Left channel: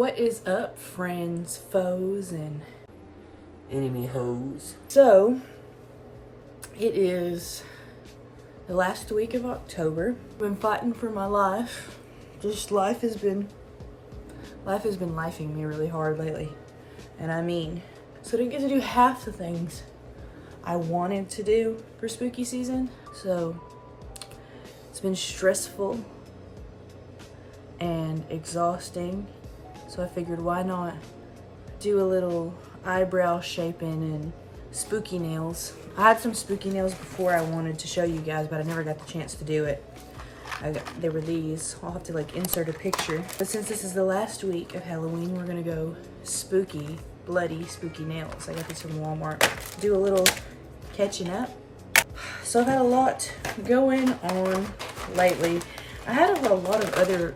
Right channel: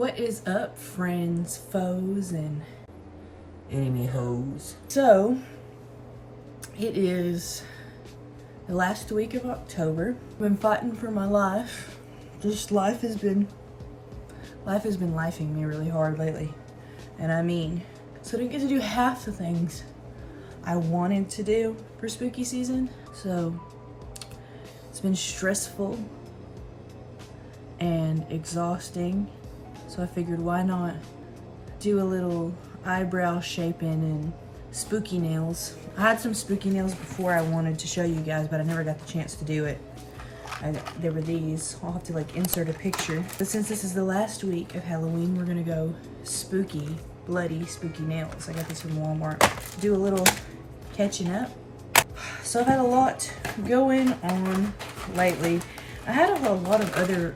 What is up, friends, foes, and enemy hoes? So, it is the last week of October. I've been fighting for my life. Just life has been lifing me really hard lately. And I mean, so I didn't get to do half the things I wanted to do for spooky season. So, it's been stressful and exhausting. So I figured, why not do a little eyebrow shaping and spooky nails. I had some spooky nails before I wanted to show you guys, but I never got the chance to do it. There were these. I'll have to like insert a picture. But since this is the last week of Halloween, we're gonna go spooky, bloody spooky nails. I got this from Walmart. Do a little catching up. So I've had a lot going on lately. I had a lot of other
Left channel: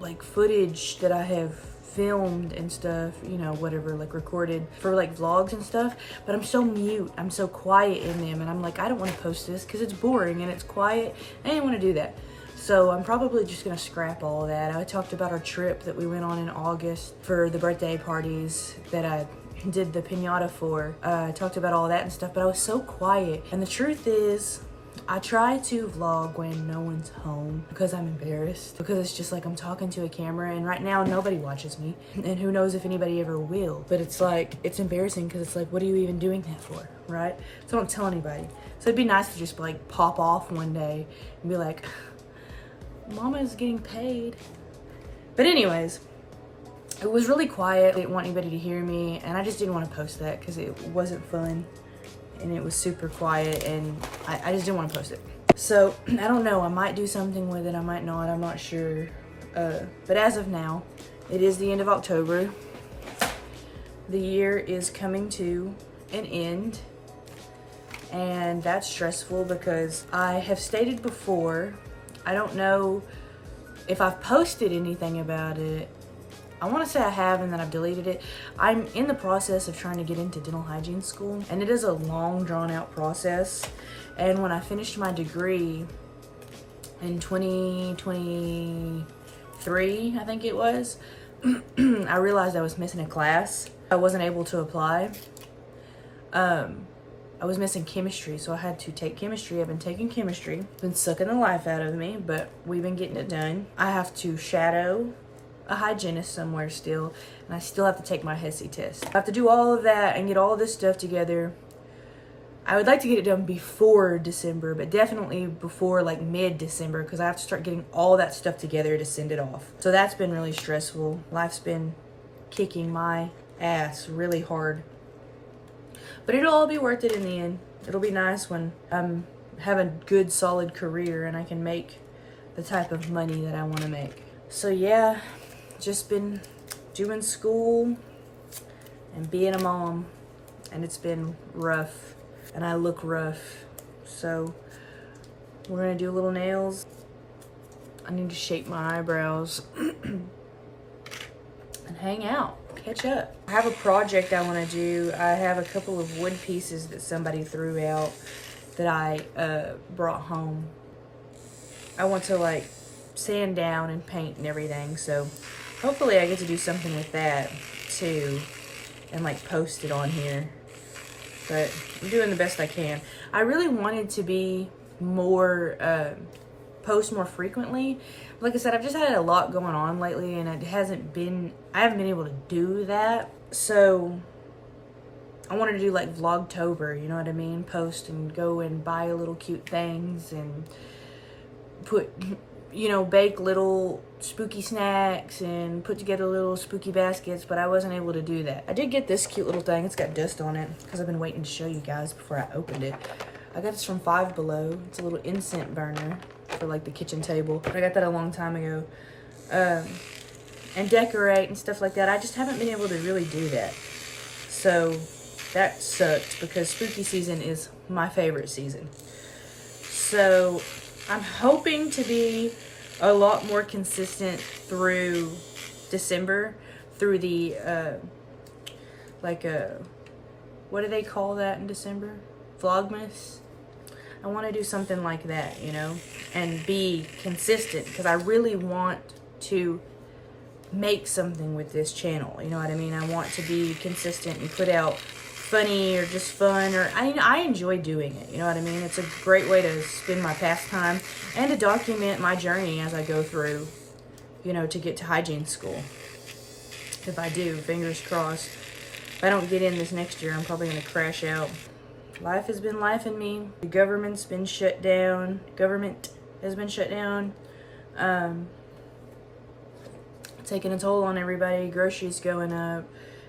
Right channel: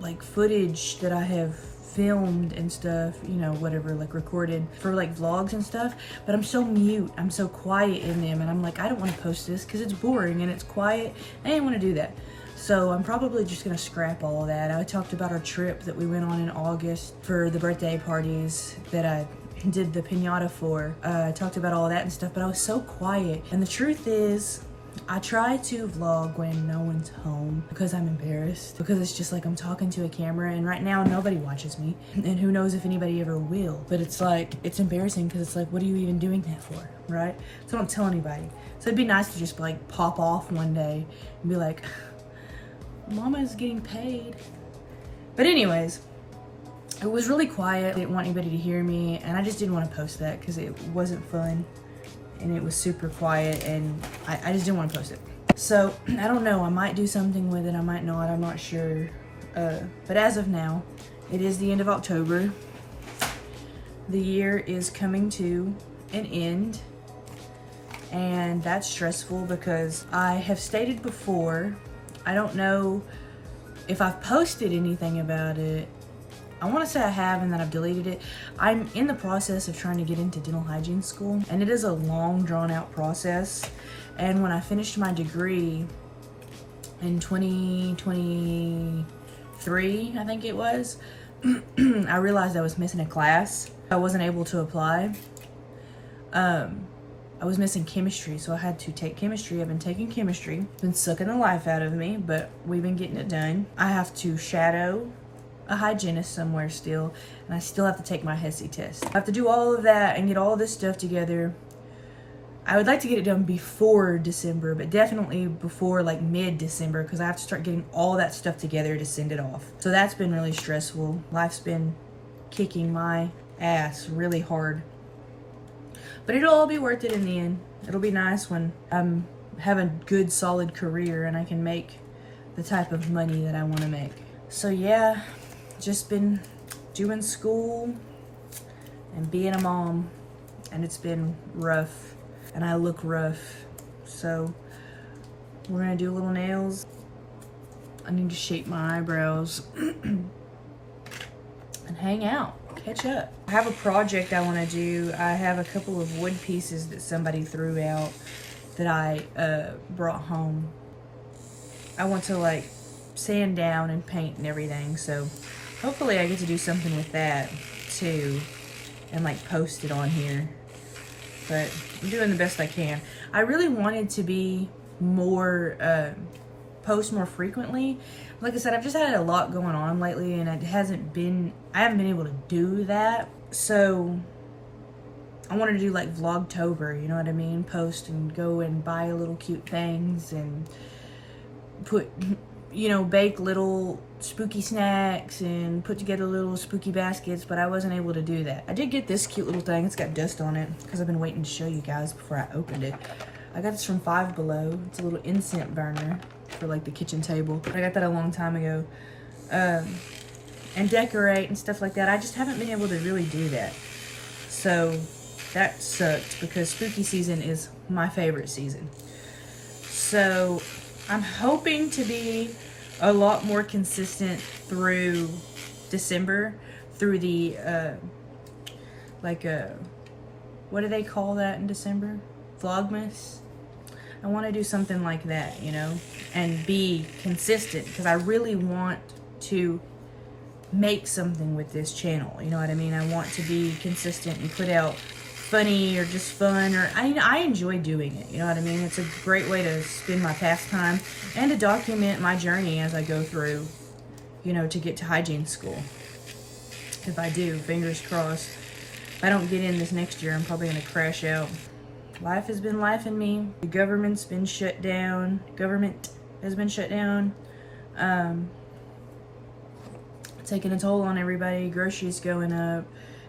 like footage that I have filmed and stuff, you know, whatever, like recorded for like vlogs and stuff, but I'm so mute, I'm so quiet in them, and I'm like, I don't want to post this because it's boring and it's quiet. I didn't want to do that, so I'm probably just gonna scrap all of that. I talked about our trip that we went on in August for the birthday parties that I did the piñata for. I talked about all that and stuff, but I was so quiet, and the truth is I try to vlog when no one's home because I'm embarrassed, because it's just like I'm talking to a camera, and right now nobody watches me, and who knows if anybody ever will. But it's like, it's embarrassing because it's like, what are you even doing that for, right? So I don't tell anybody. So it'd be nice to just like pop off one day and be like, Mama's getting paid. But anyways, it was really quiet. I didn't want anybody to hear me, and I just didn't want to post that because it wasn't fun. And it was super quiet, and I just didn't want to post it. So I don't know, I might do something with it, I might not, I'm not sure. But as of now, it is the end of October. The year is coming to an end, and that's stressful because I have stated before, I don't know if I've posted anything about it. I want to say I have, and then I've deleted it. I'm in the process of trying to get into dental hygiene school, and it is a long, drawn-out process. And when I finished my degree in 2023, I think it was, I realized I was missing a class. I wasn't able to apply. I was missing chemistry, so I had to take chemistry. I've been taking chemistry. It's been sucking the life out of me, but we've been getting it done. I have to shadow a hygienist somewhere still, and I still have to take my HESI test. I have to do all of that and get all this stuff together. I would like to get it done before December, but definitely before like mid-December, because I have to start getting all that stuff together to send it off. So that's been really stressful. Life's been kicking my ass really hard. But it'll all be worth it in the end. It'll be nice when I'm have a good solid career and I can make the type of money that I want to make. So yeah, just been doing school and being a mom, and it's been rough, and I look rough. So we're gonna do little nails. I need to shape my eyebrows and hang out, catch up. I have a project I want to do. I have a couple of wood pieces that somebody threw out that I brought home. I want to like sand down and paint and everything, so hopefully I get to do something with that too and like post it on here. But I'm doing the best I can. I really wanted to be more post more frequently. Like I said, I've just had a lot going on lately, and I haven't been able to do that. So I wanted to do like Vlogtober, you know what I mean? Post and go and buy little cute things and put, you know, bake little spooky snacks and put together little spooky baskets, but I wasn't able to do that. I did get this cute little thing. It's got dust on it because I've been waiting to show you guys before I opened it. I got this from Five Below. It's a little incense burner for like the kitchen table. I got that a long time ago. And decorate and stuff like that. I just haven't been able to really do that. So that sucked because spooky season is my favorite season. So I'm hoping to be a lot more consistent through December, through the, what do they call that in December? Vlogmas? I want to do something like that, you know, and be consistent, because I really want to make something with this channel. You know what I mean? I want to be consistent and put out funny or just fun, or I enjoy doing it. You know what I mean? It's a great way to spend my pastime and to document my journey as I go through, you know, to get to hygiene school. If I do, fingers crossed. If I don't get in this next year, I'm probably going to crash out. Life has been life in me. The government's been shut down. Government has been shut down. Taking a toll on everybody. Groceries going up.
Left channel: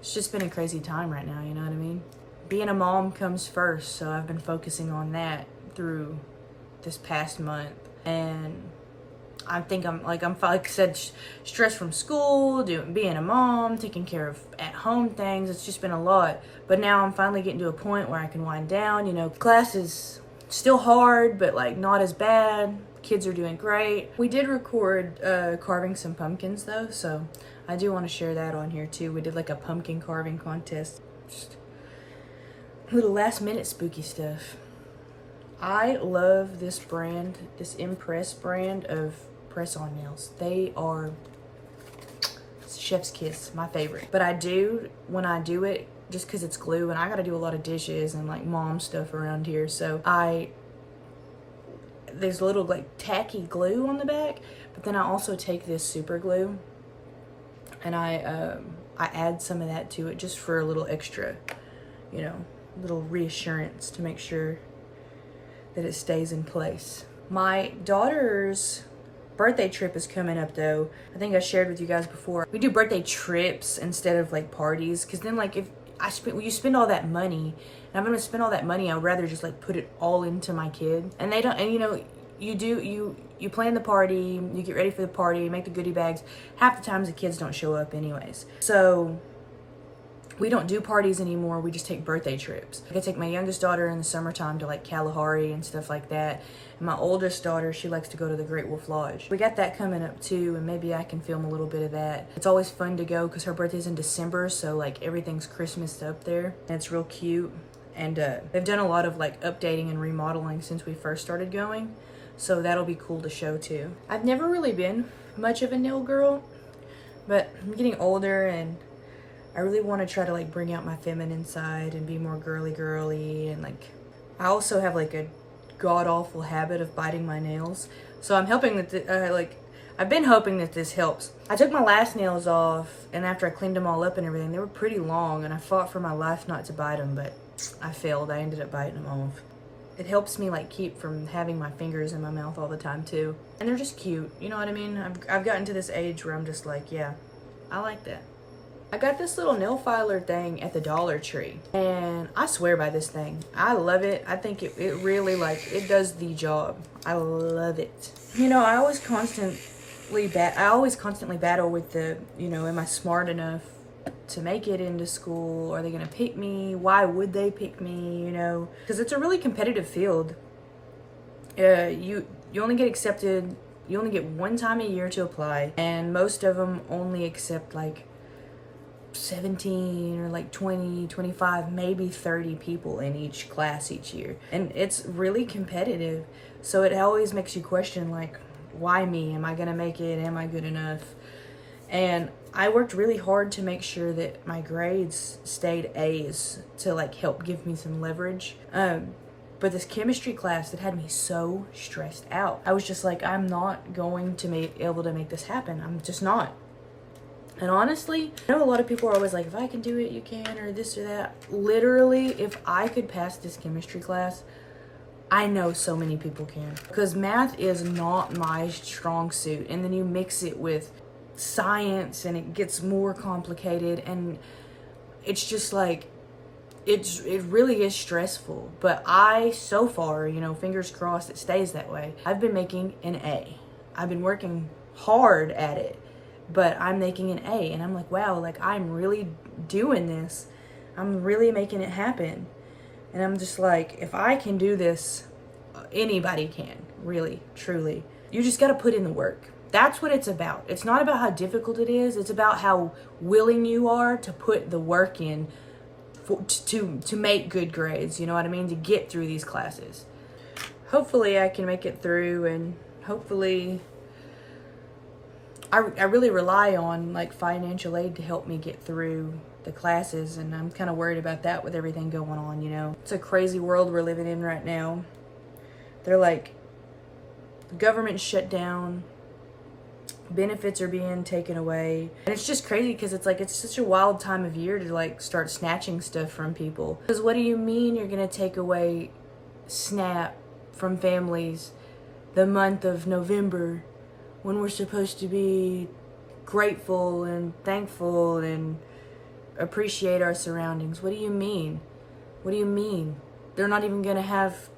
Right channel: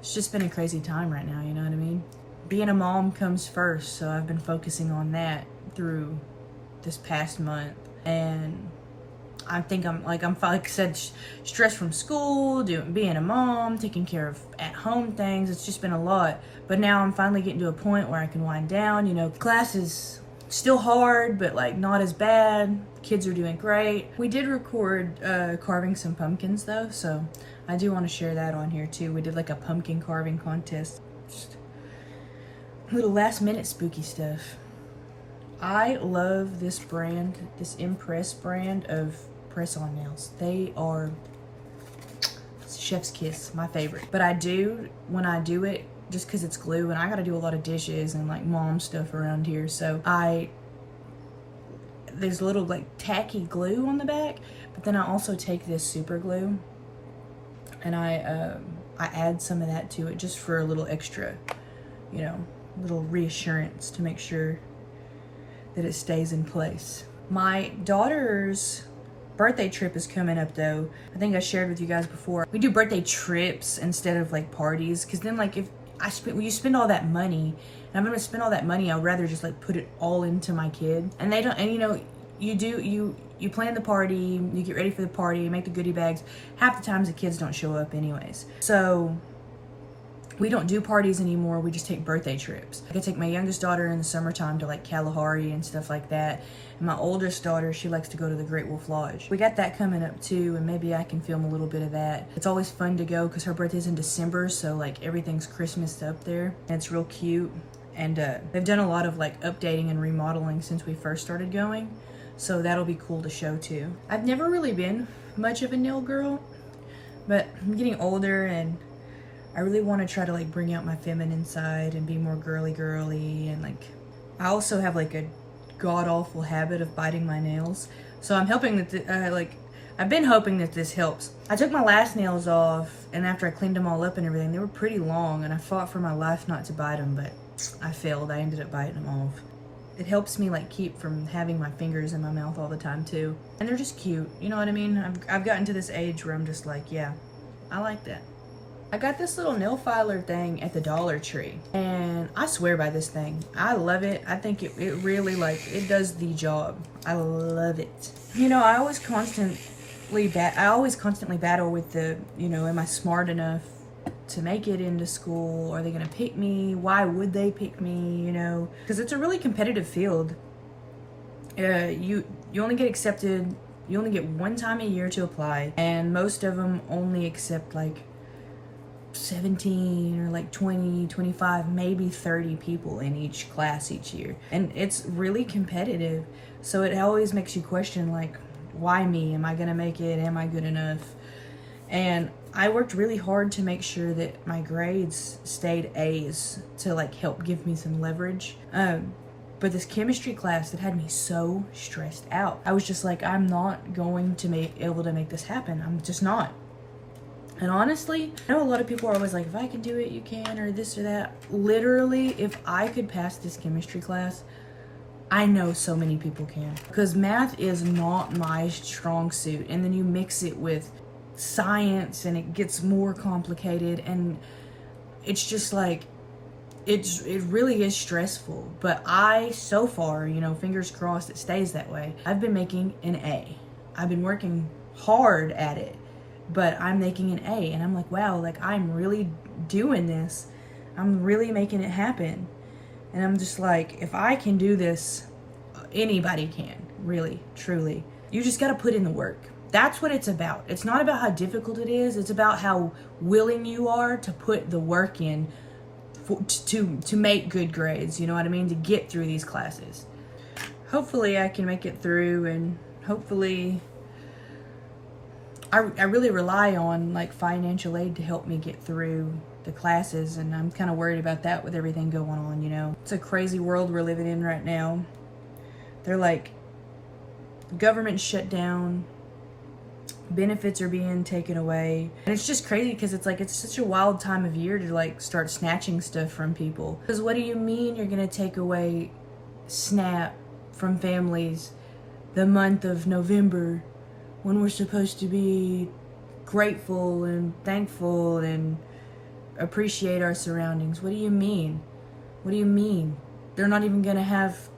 It's just been a crazy time right now, you know what I mean? Being a mom comes first, so I've been focusing on that through this past month. And I think like I said, stressed from school, being a mom, taking care of at-home things. It's just been a lot. But now I'm finally getting to a point where I can wind down. You know, class is still hard, but like not as bad. Kids are doing great. We did record carving some pumpkins though, so I do want to share that on here too. We did like a pumpkin carving contest. Just little last minute spooky stuff. I love this brand, this Impress brand of press-on nails. They are chef's kiss, my favorite. But when I do it, just because it's glue, and I got to do a lot of dishes and like mom stuff around here, so there's a little like tacky glue on the back, but then I also take this super glue and I add some of that to it just for a little extra, you know, little reassurance to make sure that it stays in place. My daughter's birthday trip is coming up though. I think I shared with you guys before. We do birthday trips instead of like parties, because then like if you spend all that money, and I'm gonna spend all that money, I would rather just like put it all into my kid. And they don't, and you know, you plan the party, you get ready for the party, you make the goodie bags. Half the times the kids don't show up anyways. So we don't do parties anymore, we just take birthday trips. I take my youngest daughter in the summertime to like Kalahari and stuff like that. And my oldest daughter, she likes to go to the Great Wolf Lodge. We got that coming up too, and maybe I can film a little bit of that. It's always fun to go because her birthday's in December, so like everything's Christmased up there. And it's real cute. And they've done a lot of like updating and remodeling since we first started going. So that'll be cool to show too. I've never really been much of a nail girl, but I'm getting older and I really want to try to like bring out my feminine side and be more girly, and like I also have like a god-awful habit of biting my nails. So I'm hoping that I've been hoping that this helps. I took my last nails off, and after I cleaned them all up and everything, they were pretty long, and I fought for my life not to bite them, but I failed. I ended up biting them off. It helps me like keep from having my fingers in my mouth all the time too. And they're just cute, you know what I mean? I've gotten to this age where I'm just like, yeah, I like that. I got this little nail filer thing at the Dollar Tree, and I swear by this thing. I love it. I think it really, like, it does the job. I love it. You know, I always constantly battle with the, you know, am I smart enough to make it into school? Are they gonna pick me? Why would they pick me? You know, because it's a really competitive field. You only get accepted, you only get one time a year to apply, and most of them only accept like 17 or like 20, 25, maybe 30 people in each class each year. And it's really competitive. So it always makes you question, like, why me? Am I gonna make it? Am I good enough? And I worked really hard to make sure that my grades stayed A's to like help give me some leverage. But this chemistry class, it had me so stressed out. I was just like, I'm not going to be able to make this happen. I'm just not. And honestly, I know a lot of people are always like, if I can do it, you can, or this or that. Literally, if I could pass this chemistry class, I know so many people can. Because math is not my strong suit. And then you mix it with science and it gets more complicated. And it's just like, it really is stressful. But so far, you know, fingers crossed it stays that way. I've been making an A. I've been working hard at it, but I'm making an A, and I'm like, wow, like I'm really doing this. I'm really making it happen. And I'm just like, if I can do this, anybody can, really, truly. You just got to put in the work. That's what it's about. It's not about how difficult it is. It's about how willing you are to put the work in to make good grades, you know what I mean? To get through these classes. Hopefully I can make it through, and hopefully I really rely on like financial aid to help me get through the classes, and I'm kind of worried about that with everything going on, you know. It's a crazy world we're living in right now. They're like, government shut down, benefits are being taken away, and it's just crazy because it's like, it's such a wild time of year to like start snatching stuff from people. Because what do you mean you're gonna take away SNAP from families the month of November when we're supposed to be grateful and thankful and appreciate our surroundings? What do you mean? What do you mean? They're not even gonna have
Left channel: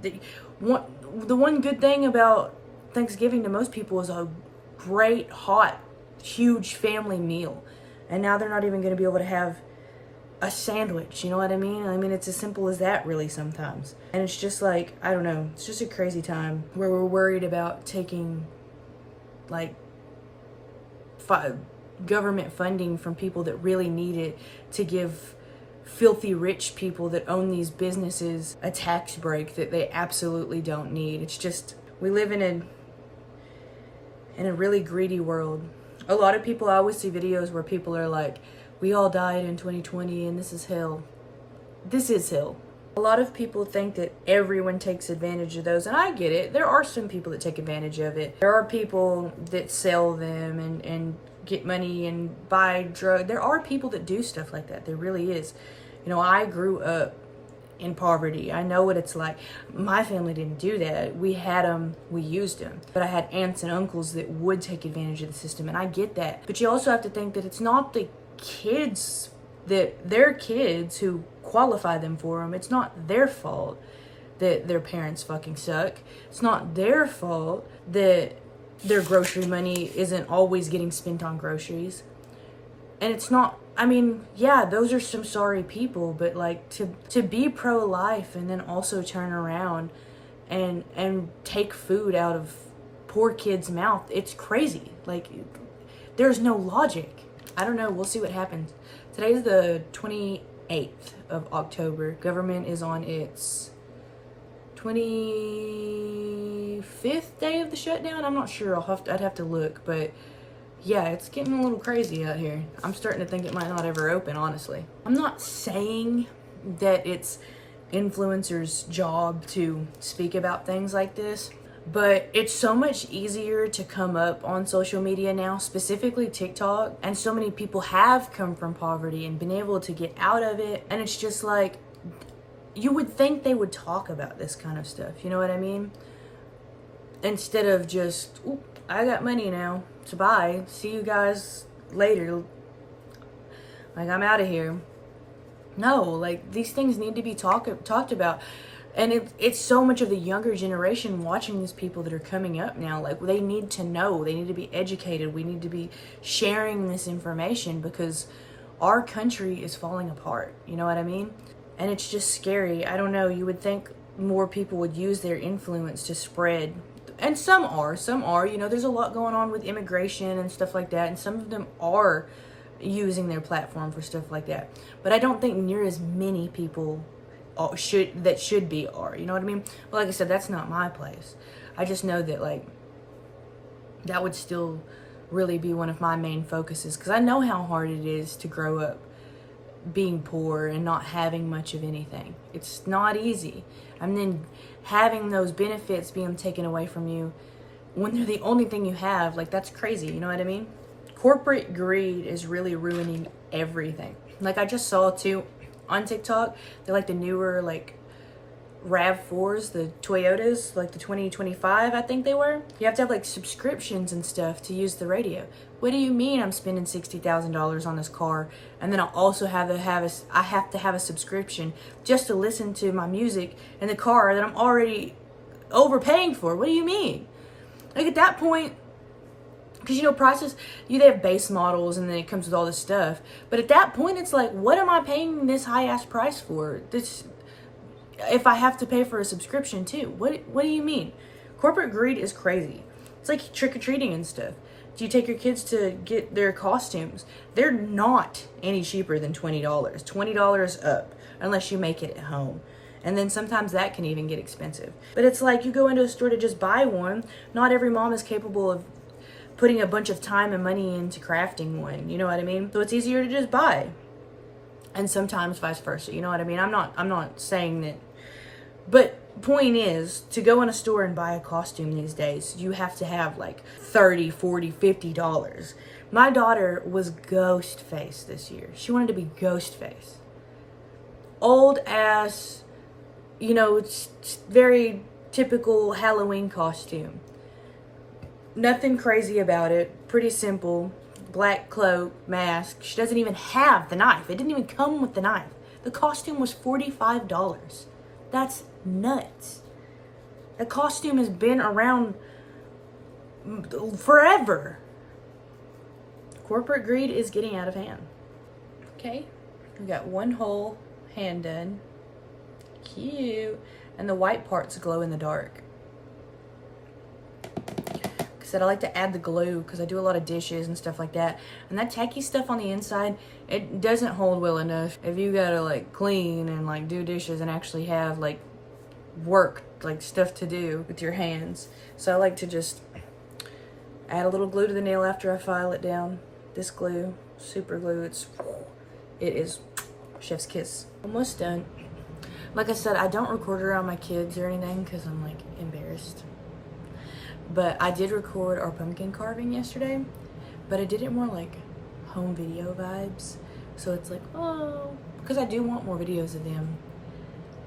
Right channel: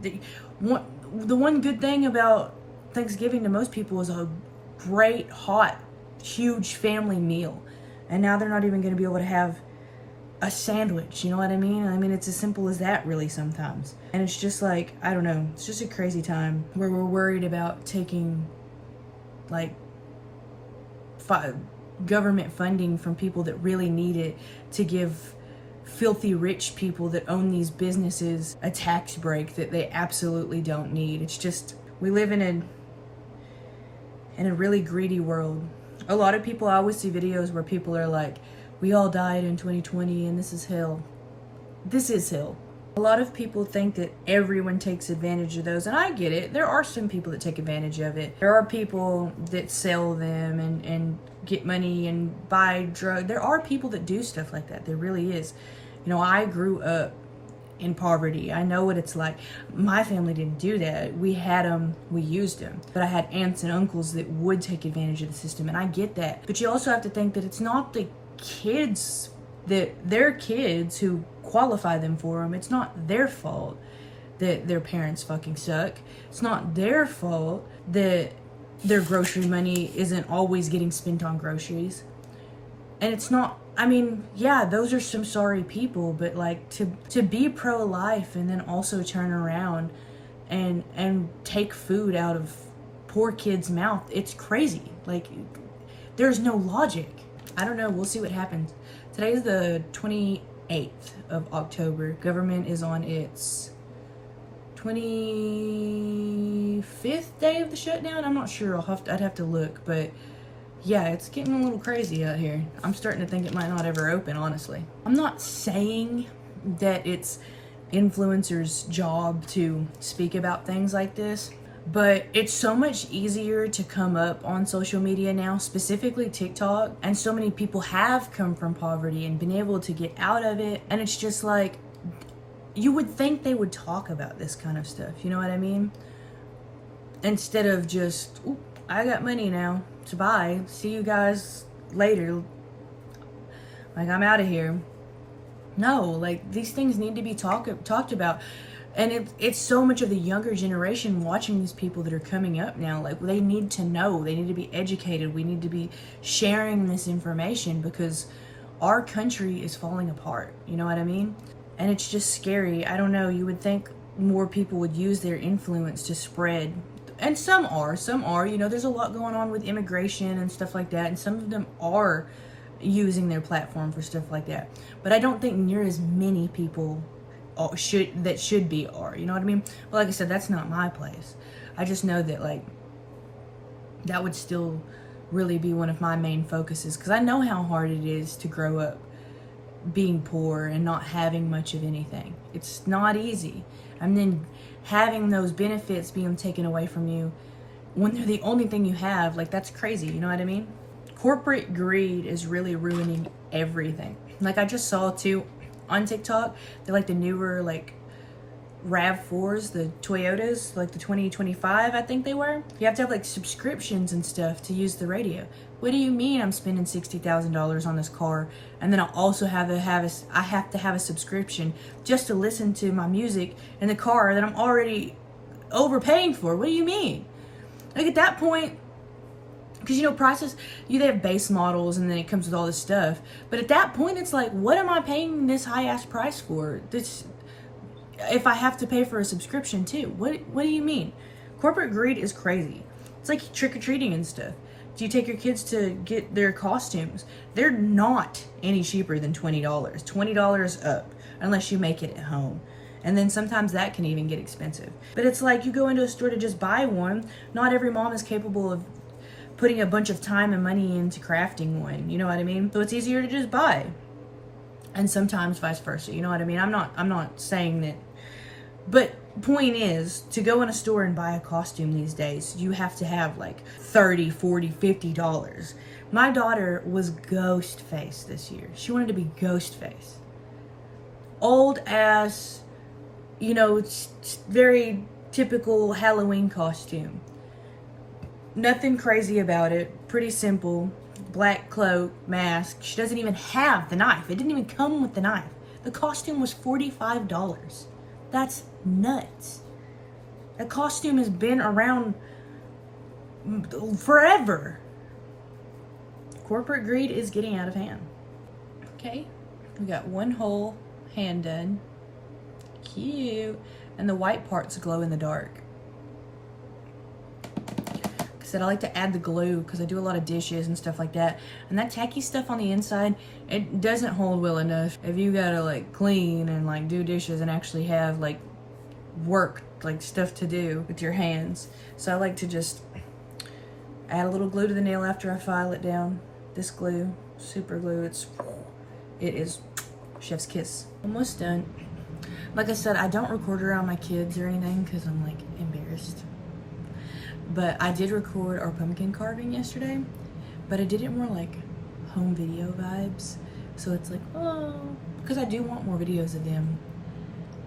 the one good thing about Thanksgiving to most people is a great, hot, huge family meal. And now they're not even gonna be able to have a sandwich, you know what I mean? I mean, it's as simple as that really sometimes. And it's just like, I don't know, it's just a crazy time where we're worried about taking like government funding from people that really need it to give filthy rich people that own these businesses a tax break that they absolutely don't need. It's just, we live in a really greedy world. A lot of people, I always see videos where people are like, we all died in 2020 and this is hell. This is hell. A lot of people think that everyone takes advantage of those, and I get it. There are some people that take advantage of it. There are people that sell them and get money and buy drugs. There are people that do stuff like that. There really is. You know, I grew up in poverty. I know what it's like. My family didn't do that. We had them, we used them. But I had aunts and uncles that would take advantage of the system, and I get that. But you also have to think that it's not the kids, that their kids who qualify them for them, it's not their fault that their parents fucking suck. It's not their fault that their grocery money isn't always getting spent on groceries. And it's not, I mean, yeah, those are some sorry people, but like to be pro-life and then also turn around and take food out of poor kids' mouth, it's crazy. Like, there's no logic. I don't know, we'll see what happens. Today's the 28th of October. Government is on its 25th day of the shutdown. I'm not sure. I'd have to look, but yeah, it's getting a little crazy out here. I'm starting to think it might not ever open, honestly. I'm not saying that it's influencers' job to speak about things like this, but it's so much easier to come up on social media now, specifically TikTok, and so many people have come from poverty and been able to get out of it, and it's just like, you would think they would talk about this kind of stuff, you know what I mean? Instead of just, oop, I got money now to buy, see you guys later, like I'm out of here. No, like these things need to be talked about. And it's so much of the younger generation watching these people that are coming up now. Like, they need to know. They need to be educated. We need to be sharing this information because our country is falling apart. You know what I mean? And it's just scary. I don't know. You would think more people would use their influence to spread. And some are. You know, there's a lot going on with immigration and stuff like that. And some of them are using their platform for stuff like that. But I don't think near as many people should be are, you know what I mean? But like I said, that's not my place. I just know that like that would still really be one of my main focuses, because I know how hard it is to grow up being poor and not having much of anything. It's not easy. And then having those benefits being taken away from you when they're the only thing you have, like, that's crazy, you know what I mean? Corporate greed is really ruining everything. Like, I just saw too on TikTok, they're like the newer like RAV4s, the Toyotas, like the 2025 I think they were. You have to have like subscriptions and stuff to use the radio. What do you mean I'm spending $60,000 on this car and then I also have to have a subscription just to listen to my music in the car that I'm already overpaying for? What do you mean? Like, at that point, because, you know, they have base models and then it comes with all this stuff. But at that point, it's like, what am I paying this high-ass price for? This, if I have to pay for a subscription too. What do you mean? Corporate greed is crazy. It's like trick-or-treating and stuff. Do you take your kids to get their costumes? They're not any cheaper than $20. $20 up, unless you make it at home. And then sometimes that can even get expensive. But it's like, you go into a store to just buy one. Not every mom is capable of putting a bunch of time and money into crafting one. You know what I mean? So it's easier to just buy. And sometimes vice versa. You know what I mean? I'm not saying that. But point is, to go in a store and buy a costume these days, you have to have like $30, $40, $50. My daughter was Ghostface this year. She wanted to be Ghostface. Old ass, you know, it's very typical Halloween costume. Nothing crazy about it. Pretty simple. Black cloak, mask. She doesn't even have the knife. It didn't even come with the knife. The costume was $45. That's nuts. The costume has been around forever. Corporate greed is getting out of hand. Okay, we got one whole hand done. Cute. And the white parts glow in the dark. Like I said, I like to add the glue because I do a lot of dishes and stuff like that. And that tacky stuff on the inside, it doesn't hold well enough. If you gotta like clean and like do dishes and actually have like work, like stuff to do with your hands. So I like to just add a little glue to the nail after I file it down. This glue, super glue, it is chef's kiss. Almost done. Like I said, I don't record around my kids or anything because I'm like embarrassed. But I did record our pumpkin carving yesterday, but I did it more like home video vibes. So it's like, oh, because I do want more videos of them,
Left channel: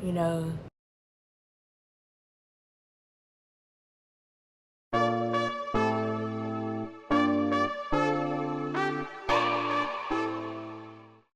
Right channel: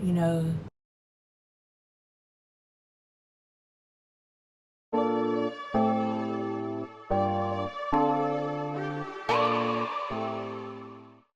you know,